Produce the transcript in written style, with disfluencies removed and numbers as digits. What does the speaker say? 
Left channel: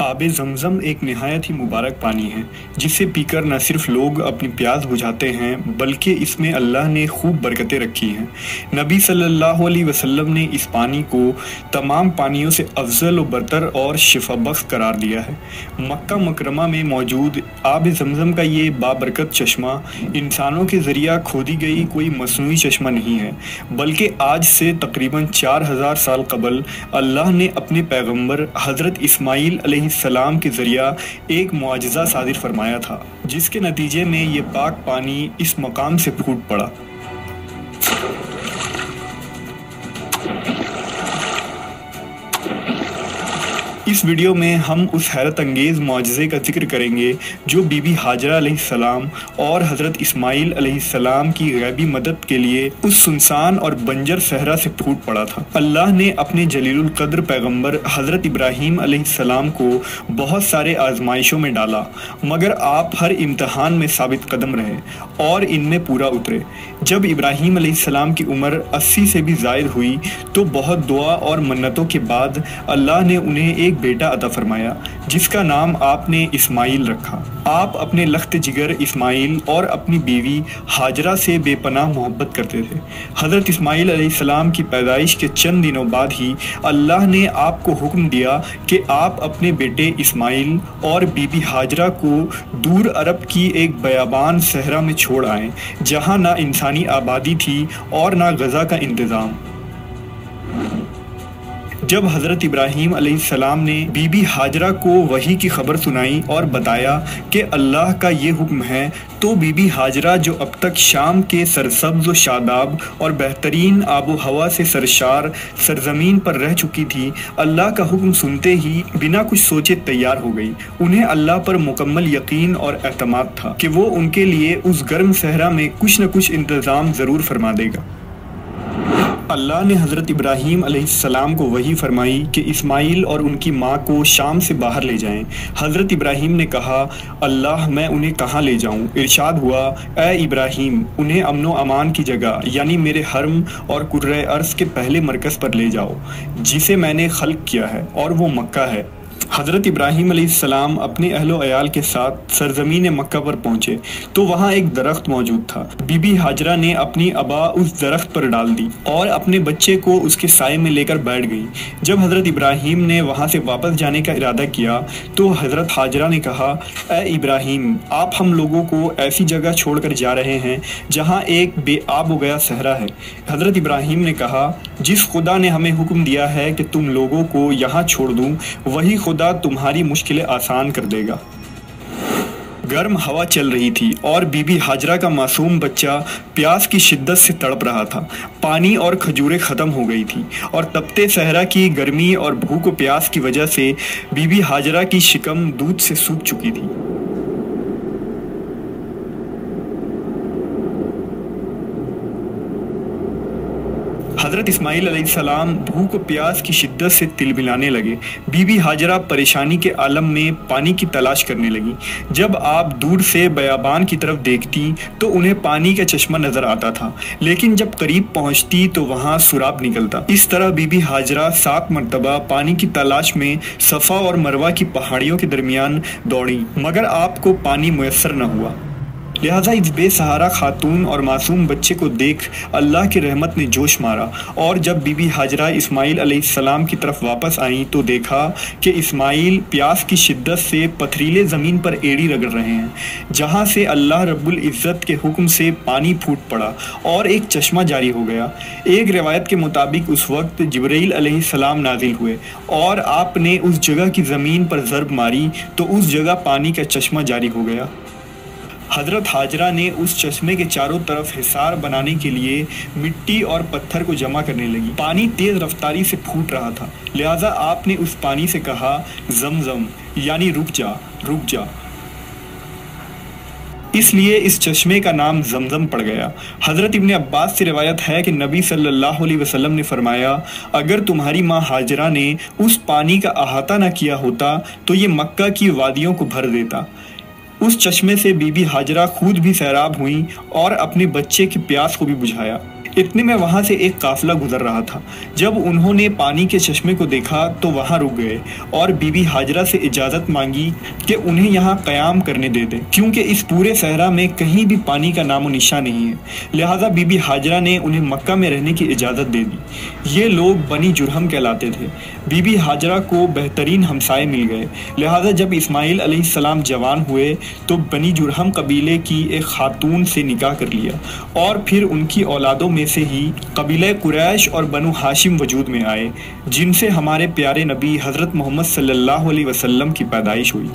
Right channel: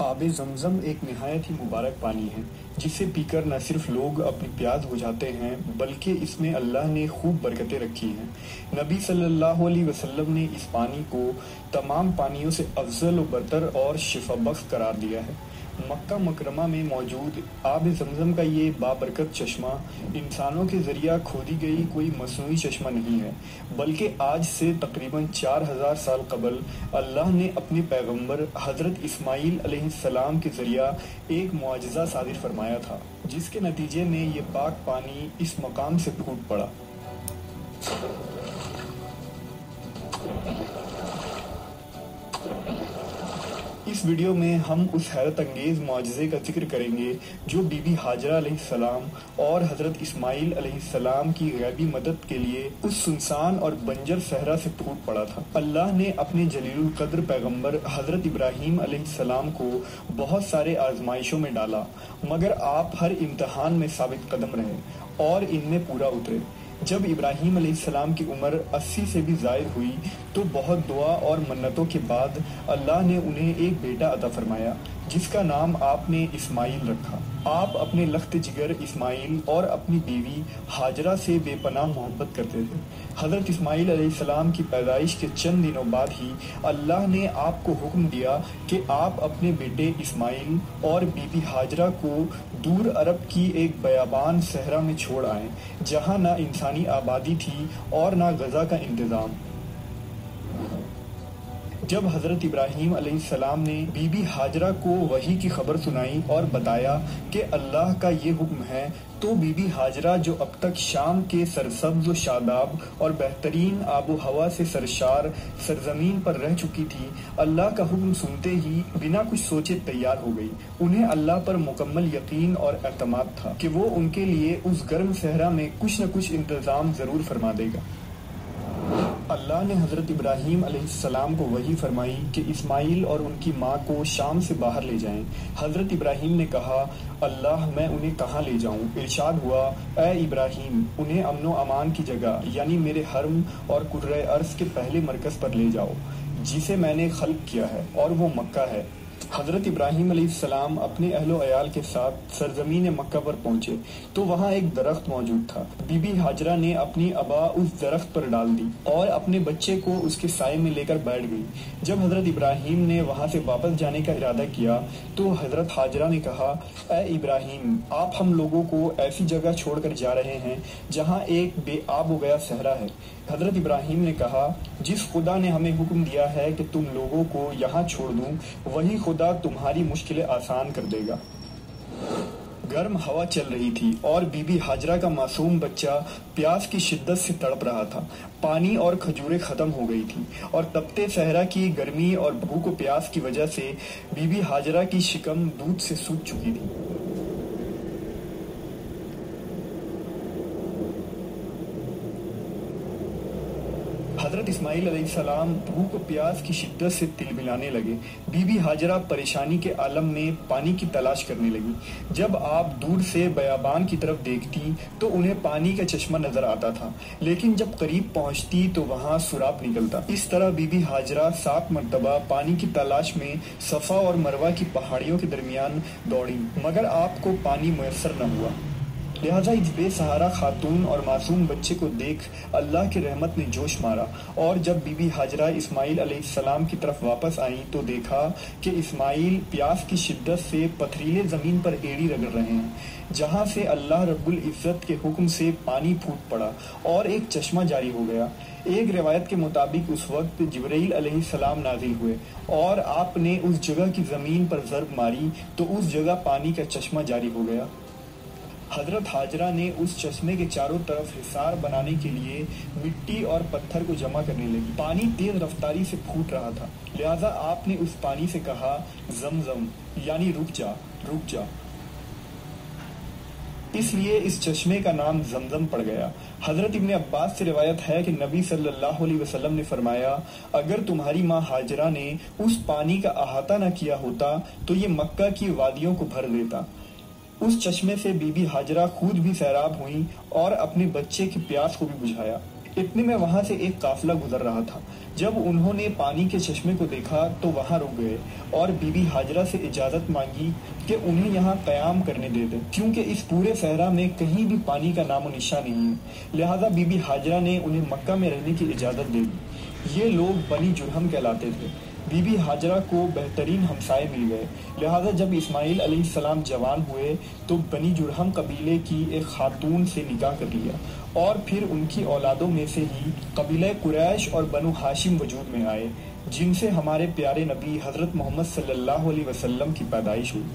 آب زمزم ایک نہایت ہی مبارک پانی ہے جسے پی کر نہ صرف لوگ اپنی پیاس بجھاتے ہیں بلکہ اس میں اللہ نے خوب برکتیں رکھی ہیں۔ نبی صلی اللہ علیہ وسلم نے اس پانی کو تمام پانیوں سے افضل و برتر اور شفا بخش قرار دیا ہے۔ مکہ مکرمہ میں موجود آب زمزم کا یہ بابرکت چشمہ انسانوں کے ذریعہ کھودی گئی کوئی مصنوعی چشمہ نہیں ہے بلکہ آج سے تقریباً 4000 سال قبل اللہ نے اپنے پیغمبر حضرت اسماعیل علیہ السلام کے ذریعہ ایک معجزہ صادر فرمایا تھا جس کے نتیجے میں یہ پاک پانی اس مقام سے پھوٹ پڑا۔ اس ویڈیو میں ہم اس حیرت انگیز معجزے کا ذکر کریں گے جو بی بی ہاجرہ علیہ السلام اور حضرت اسماعیل علیہ السلام کی غیبی مدد کے لیے اس سنسان اور بنجر صحرا سے پھوٹ پڑا تھا۔ اللہ نے اپنے جلیل القدر پیغمبر حضرت ابراہیم علیہ السلام کو بہت سارے آزمائشوں میں ڈالا مگر آپ ہر امتحان میں ثابت قدم رہے اور ان میں پورا اترے۔ جب ابراہیم علیہ السلام کی عمر 80 سے بھی زائد ہوئی تو بہت دعا اور منتوں کے بعد اللہ نے انہیں ایک بیٹا عطا فرمایا جس کا نام آپ نے اسماعیل رکھا۔ آپ اپنے لخت جگر اسماعیل اور اپنی بیوی ہاجرہ سے بے پناہ محبت کرتے تھے۔ حضرت اسماعیل علیہ السلام کی پیدائش کے چند دنوں بعد ہی اللہ نے آپ کو حکم دیا کہ آپ اپنے بیٹے اسماعیل اور بی بی ہاجرہ کو دور عرب کی ایک بیابان صحرا میں چھوڑ آئیں جہاں نہ انسانی آبادی تھی اور نہ غذا کا انتظام۔ جب حضرت ابراہیم علیہ السلام نے بی بی ہاجرہ کو وحی کی خبر سنائی اور بتایا کہ اللہ کا یہ حکم ہے تو بی بی ہاجرہ جو اب تک شام کے سرسبز و شاداب اور بہترین آب و ہوا سے سرشار سرزمین پر رہ چکی تھی، اللہ کا حکم سنتے ہی بنا کچھ سوچے تیار ہو گئی۔ انہیں اللہ پر مکمل یقین اور اعتماد تھا کہ وہ ان کے لیے اس گرم صحرا میں کچھ نہ کچھ انتظام ضرور فرما دے گا۔ اللہ نے حضرت ابراہیم علیہ السلام کو وحی فرمائی کہ اسماعیل اور ان کی ماں کو شام سے باہر لے جائیں۔ حضرت ابراہیم نے کہا، اللہ میں انہیں کہاں لے جاؤں؟ ارشاد ہوا، اے ابراہیم انہیں امن و امان کی جگہ یعنی میرے حرم اور کرۂ ارض کے پہلے مرکز پر لے جاؤ جسے میں نے خلق کیا ہے اور وہ مکہ ہے۔ حضرت ابراہیم علیہ السلام اپنے اہل و عیال کے ساتھ سرزمین مکہ پر پہنچے تو وہاں ایک درخت موجود تھا۔ بی بی ہاجرہ نے اپنی ابا اس درخت پر ڈال دی اور اپنے بچے کو اس کے سائے میں لے کر بیٹھ گئی۔ جب حضرت ابراہیم نے وہاں سے واپس جانے کا ارادہ کیا تو حضرت ہاجرہ نے کہا، اے ابراہیم آپ ہم لوگوں کو ایسی جگہ چھوڑ کر جا رہے ہیں جہاں ایک بے آب و گیا صحرا ہے۔ حضرت ابراہیم نے کہا، جس خدا نے ہمیں حکم دیا ہے کہ تم لوگوں کو یہاں چھوڑ دوں وہی خدا تمہاری مشکلیں آسان کر دے گا۔ گرم ہوا چل رہی تھی اور بی بی ہاجرہ کا معصوم بچہ پیاس کی شدت سے تڑپ رہا تھا۔ پانی اور کھجوریں ختم ہو گئی تھی اور تپتے صحرا کی گرمی اور بھوک و پیاس کی وجہ سے بی بی ہاجرہ کی شکم دودھ سے سوکھ چکی تھی۔ حضرت اسماعیل علیہ السلام بھوک و پیاس کی شدت سے تلبلانے لگے۔ بی بی ہاجرہ پریشانی کے عالم میں پانی کی تلاش کرنے لگی۔ جب آپ دور سے بیابان کی طرف دیکھتی تو انہیں پانی کا چشمہ نظر آتا تھا لیکن جب قریب پہنچتی تو وہاں سراب نکلتا۔ اس طرح بی بی ہاجرہ 7 مرتبہ پانی کی تلاش میں صفا اور مروہ کی پہاڑیوں کے درمیان دوڑیں مگر آپ کو پانی میسر نہ ہوا۔ لہٰذا اس بے سہارا خاتون اور معصوم بچے کو دیکھ اللہ کی رحمت نے جوش مارا اور جب بی بی ہاجرہ اسماعیل علیہ السلام کی طرف واپس آئیں تو دیکھا کہ اسماعیل پیاس کی شدت سے پتھریلے زمین پر ایڑی رگڑ رہے ہیں جہاں سے اللہ رب العزت کے حکم سے پانی پھوٹ پڑا اور ایک چشمہ جاری ہو گیا۔ ایک روایت کے مطابق اس وقت جبرائیل علیہ السلام نازل ہوئے اور آپ نے اس جگہ کی زمین پر ضرب ماری تو اس جگہ پانی کا چشمہ جاری ہو گیا۔ حضرت ہاجرہ نے اس چشمے کے چاروں طرف حصار بنانے کے لیے مٹی اور پتھر کو جمع کرنے لگی۔ پانی تیز رفتاری سے پھوٹ رہا تھا لہٰذا آپ نے اس پانی سے کہا، زمزم یعنی رک جا رک جا۔ اس لیے اس چشمے کا نام زمزم پڑ گیا۔ حضرت ابن عباس سے روایت ہے کہ نبی صلی اللہ علیہ وسلم نے فرمایا، اگر تمہاری ماں ہاجرہ نے اس پانی کا احاطہ نہ کیا ہوتا تو یہ مکہ کی وادیوں کو بھر دیتا۔ اس چشمے سے بی بی ہاجرہ خود بھی سیراب ہوئیں اور اپنے بچے کی پیاس کو بھی بجھایا۔ اتنے میں وہاں سے ایک قافلہ گزر رہا تھا۔ جب انہوں نے پانی کے چشمے کو دیکھا تو وہاں رک گئے اور بی بی ہاجرہ سے اجازت مانگی کہ انہیں یہاں قیام کرنے دے دیں، کیونکہ اس پورے صحرا میں کہیں بھی پانی کا نام و نشان نہیں ہے۔ لہٰذا بی بی ہاجرہ نے انہیں مکہ میں رہنے کی اجازت دے دی۔ یہ لوگ بنی جرہم کہلاتے تھے۔ بی بی ہاجرہ کو بہترین ہمسائے مل گئے، لہٰذا جب اسماعیل علیہ السلام جوان ہوئے تو بنی جرہم قبیلے کی ایک خاتون سے نکاح کر لیا، اور پھر ان کی اولادوں میں سے ہی قبیلہ قریش اور بنو ہاشم وجود میں آئے، جن سے ہمارے پیارے نبی حضرت محمد صلی اللہ علیہ وسلم کی پیدائش ہوئی۔